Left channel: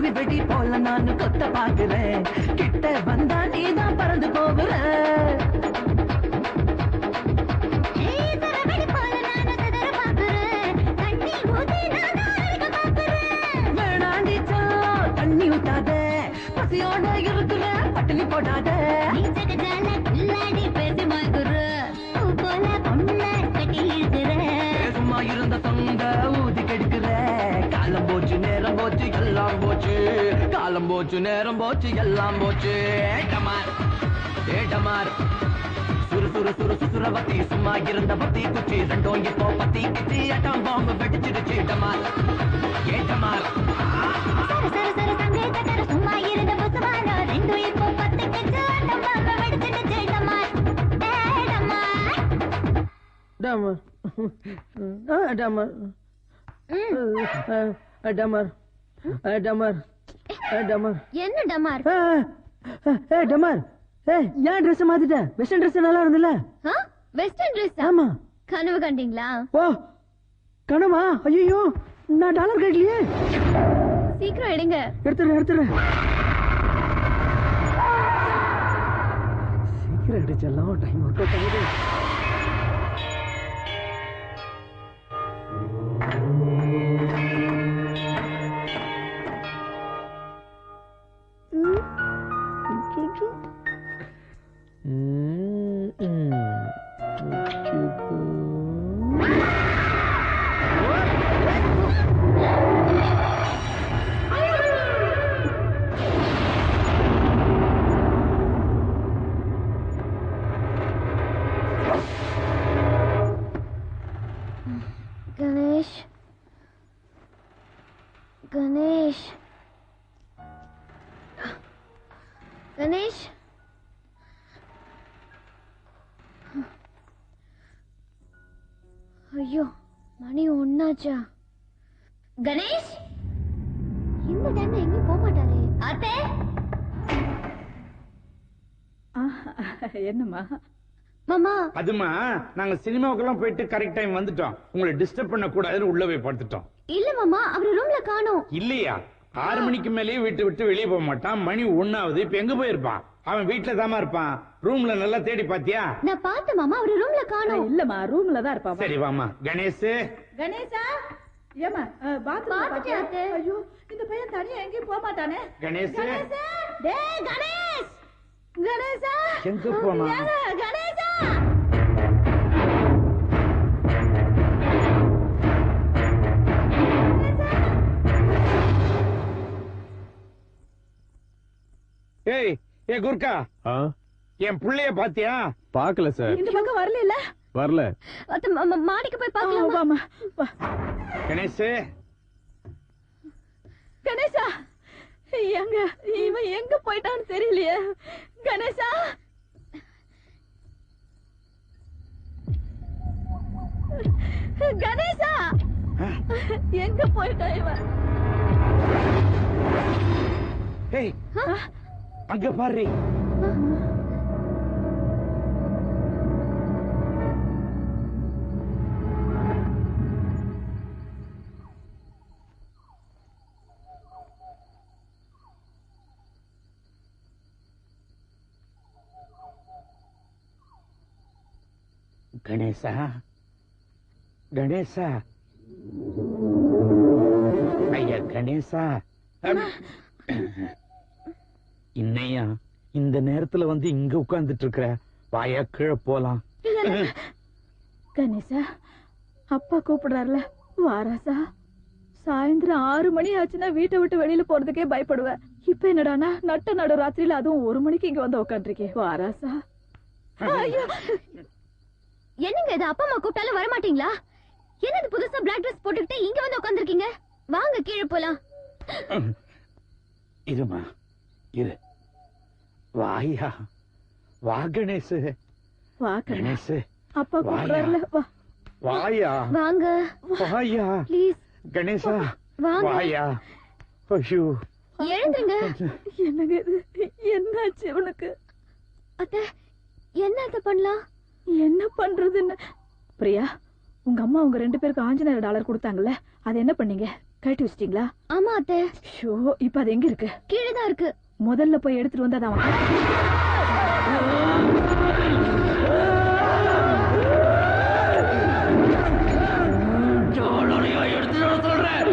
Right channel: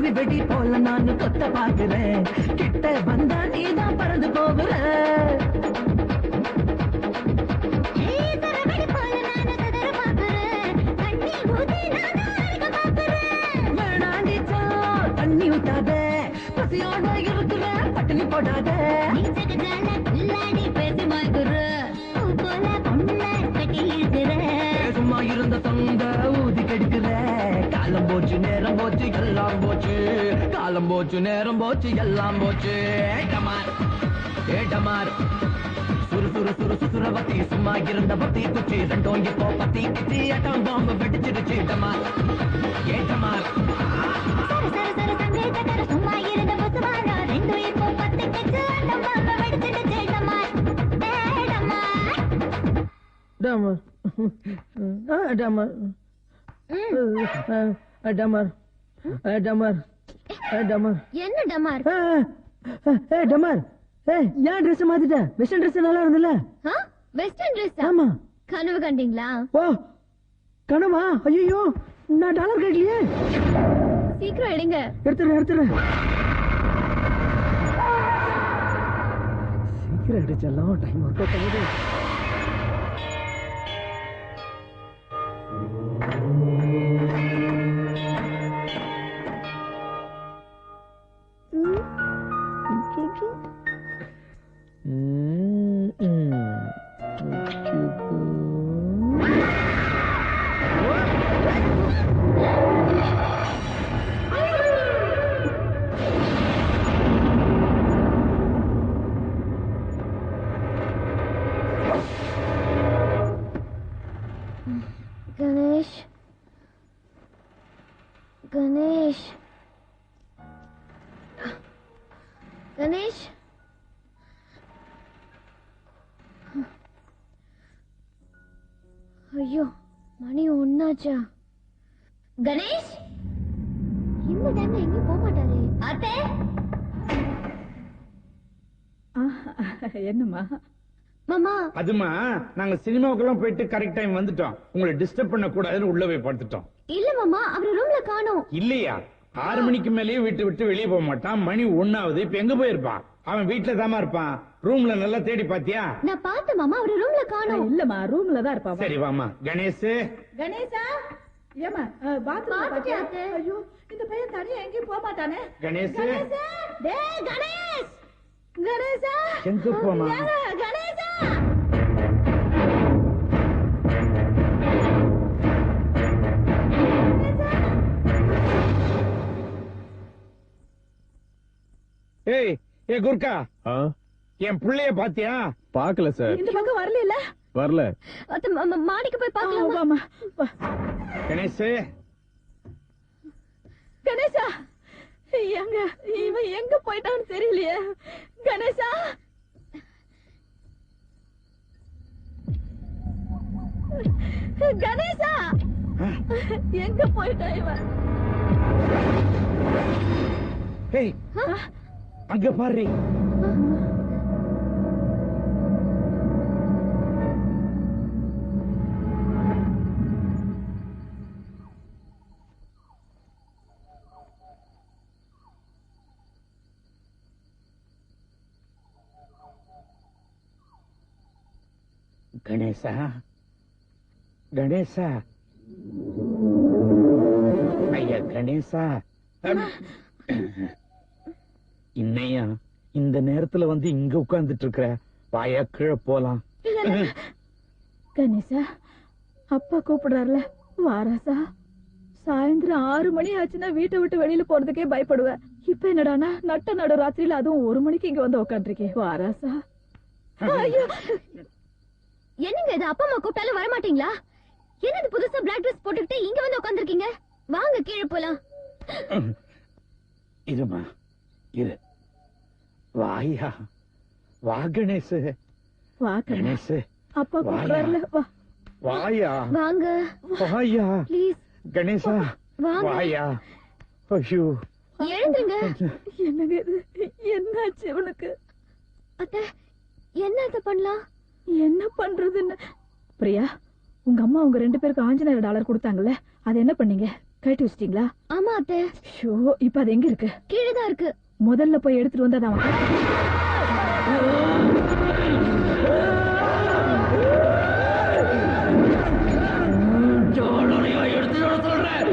குருவி வெடி போல நான் கொத்த பாக்குறேன் கிட்ட வந்தா நீதான் பறந்து போகிற வேணாண்டிச்சோ தண்ணி ஊத்தாத பசியோட இருக்கிற பட்டினி போடாத சும்மா இருந்த தொங்க ஊதி கெடுக்கிற காலம் போச்சு நேரம் போச்சு எல்லாம் போச்சு காலம் போச்சு நேரம் போச்சு எல்லாம் போச்சு ஏட்டமார் சுறு சுறு சுறு சுசுரவத்தி சும்மா இருந்த பத்தி குச்சி ரெண்டும் இப்போ பத்தி கிச்சி அட்டம் பாம்பு வெடிச்சிருச்சு ஏட்டமார் ஏட்டமார் சும்மா இருந்த புத்துவானா ரெண்டும் இப்போ பத்தி கிச்சி அட்டம் பாம்பு வெடிச்சிருச்சு ஏட்டமார் டமர் டமர் டமர் டமர் டமர் என்ன டமார் டமர் ஏன் ட்ரெஸ் மாத்திட்ட வெஸ்டர்ன் ட்ரெஸ் நல்லா இருந்தல வெஸ்டர்ன் ட்ரெஸ் ஆமா கனவு கண்டீங்களா ஓ கனவா ஐயோ நான் டாலர் கேட்கலையே சீக்கிரம் எடுங்க எடுத்துறேன் சீக்கிரம் எடுச்சலாம் டைம் ஒர்க் அவுட் ஆகுது கணேஷ் கணேஷ் ஐயோ மணி ஒன்னாச்சா கணேஷ் இந்த டைம்ல எங்க போக மாட்டாரே அத்தை என்னம்மா மாமா அதுமா நாங்க சினிமாவுக்கெல்லாம் போயிட்டு கரெக்ட் டைம் வந்துட்டோம் உங்களை டிஸ்டர்ப் பண்ண கூடாதுன்னு உள்ள போய் படுத்துட்டோம் இல்ல மாமா அவர் ரூம்ல காணோம் இல்லையா 6 மணிக்கு மேலேயே வீட்டு விட்டு வெளியே போக மாட்டான் மணி 1 ஆகுது இப்ப எங்க போயிருப்பான் அவன் வீட்டுல தாமா இருப்பான் ரூம்ல நல்லா தேடி பாத்தியா நான் பார்த்தேன் மாமா அவர் ரூம்ல காணோம் இல்லம்மா ரூம்ல தான் இருப்பா சரி வாமா கணேஷ் கணேசா ஏமா பாத்ரூம் ஐயோ இந்த பையன் தனியா எங்கேயும் போக மாட்டானே கணேஷ் டேய் கணேஷ் கணேஷா எங்க போமா கணேஷா ஏய் ஏ குர்கா என் பிள்ளைய பாத்தியா பாக்கல சார் இந்த பக்கம் வரல வரல மாடிக்கு போய் பார்க்கலாம் கணேஷ் கணேசா எங்க இவன் எங்க போயிட்டான்னு தெரியலையே கணேசா கணேசா எங்க போயிட்டான் இவன் ஏய் அங்க பாரு கணேசா கணேசா ஐயா கணேசா இன்னையா இந்த நேரத்துல வந்து இங்க உட்கார்ந்துட்டு இருக்கிற வாயா கீழே போலாம் கணேசா அப்பா கூப்பிடுறாருல வாராசா சாயந்தரம் 6 மணி ஆச்சுன்னா வீட்டை விட்டு வெளியில போறதுக்கே பயப்படுவேன் இப்ப என்னடானா நட்ட நடு ராத்திரியில அதுவும் 1 மணிக்கு இங்க வந்து உட்காந்துருக்கேன் வாராசா என்னங்க இது அப்பா அம்மா கூப்பிட்டாலும் வர மாட்டீங்களா என்னது புதுசா பிளாக் ட்ரெஸ் போட்டுக்கிட்டு இங்க வந்து உட்கார்ந்திருக்கீங்க வாங்க கீழே போலாம் இருமா இரு வாயா வா கணேஷ் வா கணேஷ் அப்பா கூப்பிடுறாருல வா வாயா வாங்க வாயா ப்ளீஸ் கணேசா வாங்க வாயா ஐயோ எழுந்துங்க என்னங்க இது என்னாச்சு உனக்கு அத்தை என்ன பண்ணலாம் என்ன பண்றதுன்னு பிரியா உங்க அம்மா உங்க 2 பேருக்கு $5,000 கொடுத்தாங்கல்ல அது என்ன பண்ணீங்க கட்டி வச்சிட்டீங்களா? ஆமா அத்தை. ஐயோ, இப்ப அது எங்க இருக்கு? கீழே தான் இருக்கு. முதல்ல போய் எடுத்துட்டு வந்தா தான் எடுத்துட்டு வர சொல்றேன்.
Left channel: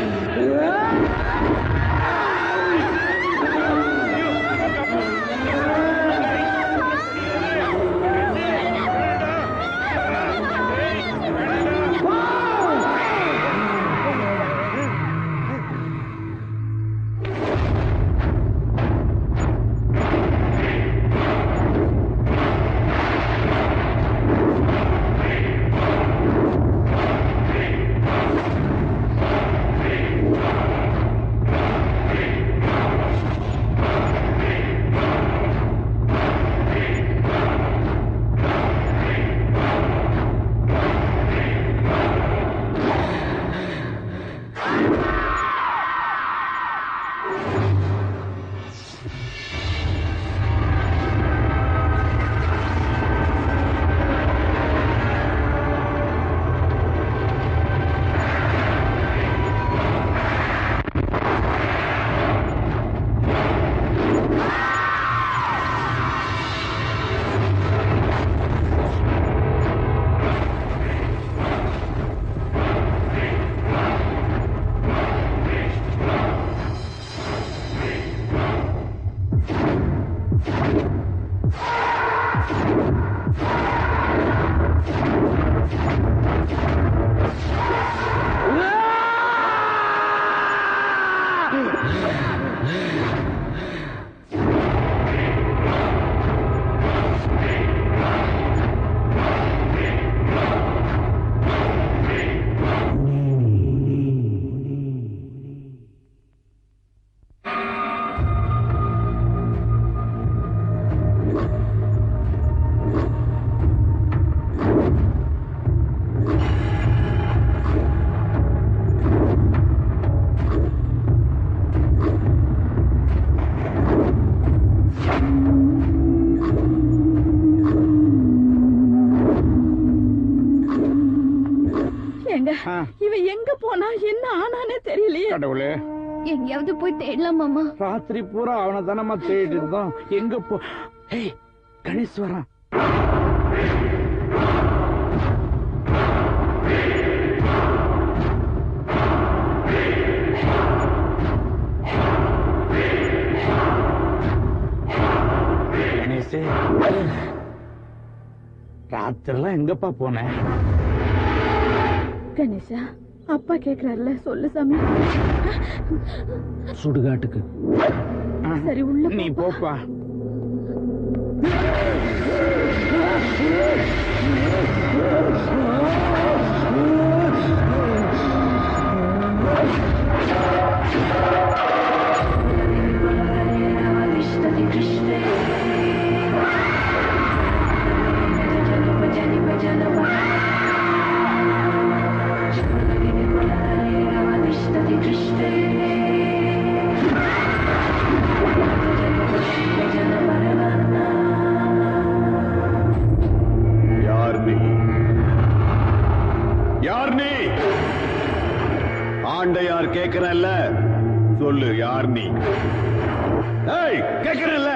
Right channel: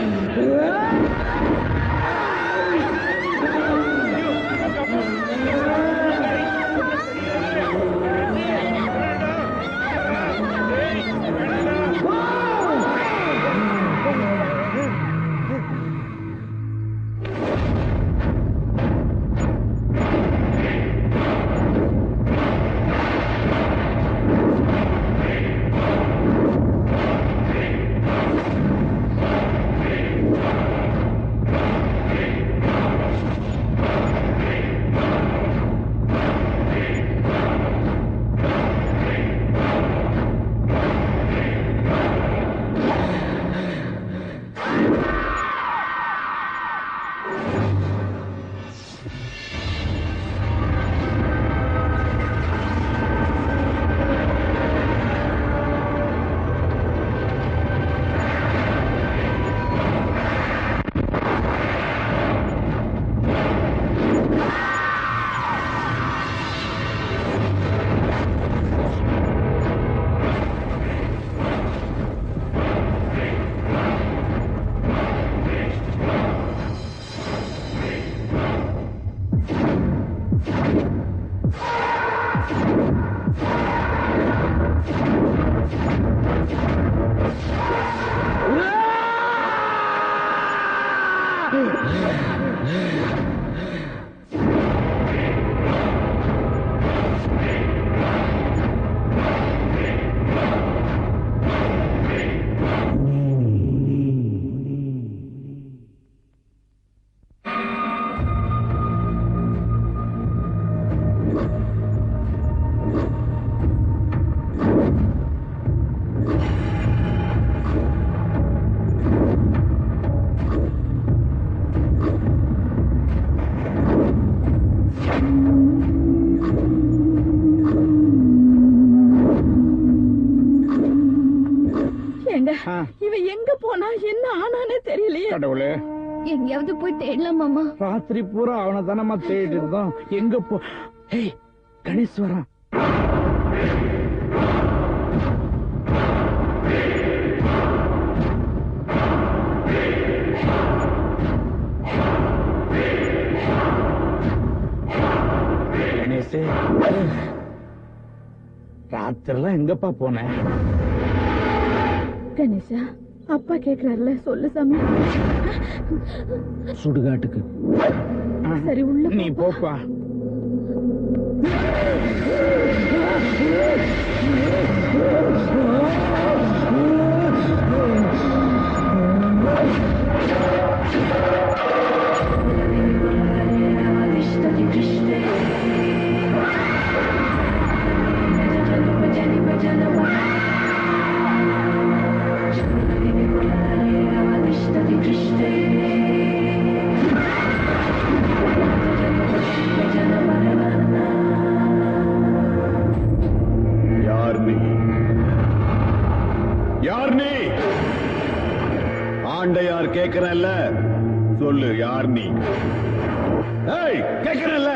இவன் எங்க போனா என்ன ஆனானே தெரியலையே. கடவுளே, எங்கேயாவது போய் தேடலாம் மாமா. ராத்திரி பூரா அவனை தானமா தேடிட்டு இருந்தோம். எங்க போ? ஏய், கணேஷ் வரான். கணேஷ், ராத்திரிலாம் எங்கப்பா போன? கணேஷா, அப்பா கேக்குறாருல, சொல்லு சாமி. சுடுகாட்டுக்கு. சரி, உள்ள நீ போப்பா. ஆண்டையார் கேக்குறல்ல, சொல்லு யார் நீ? கேக்குறல்ல.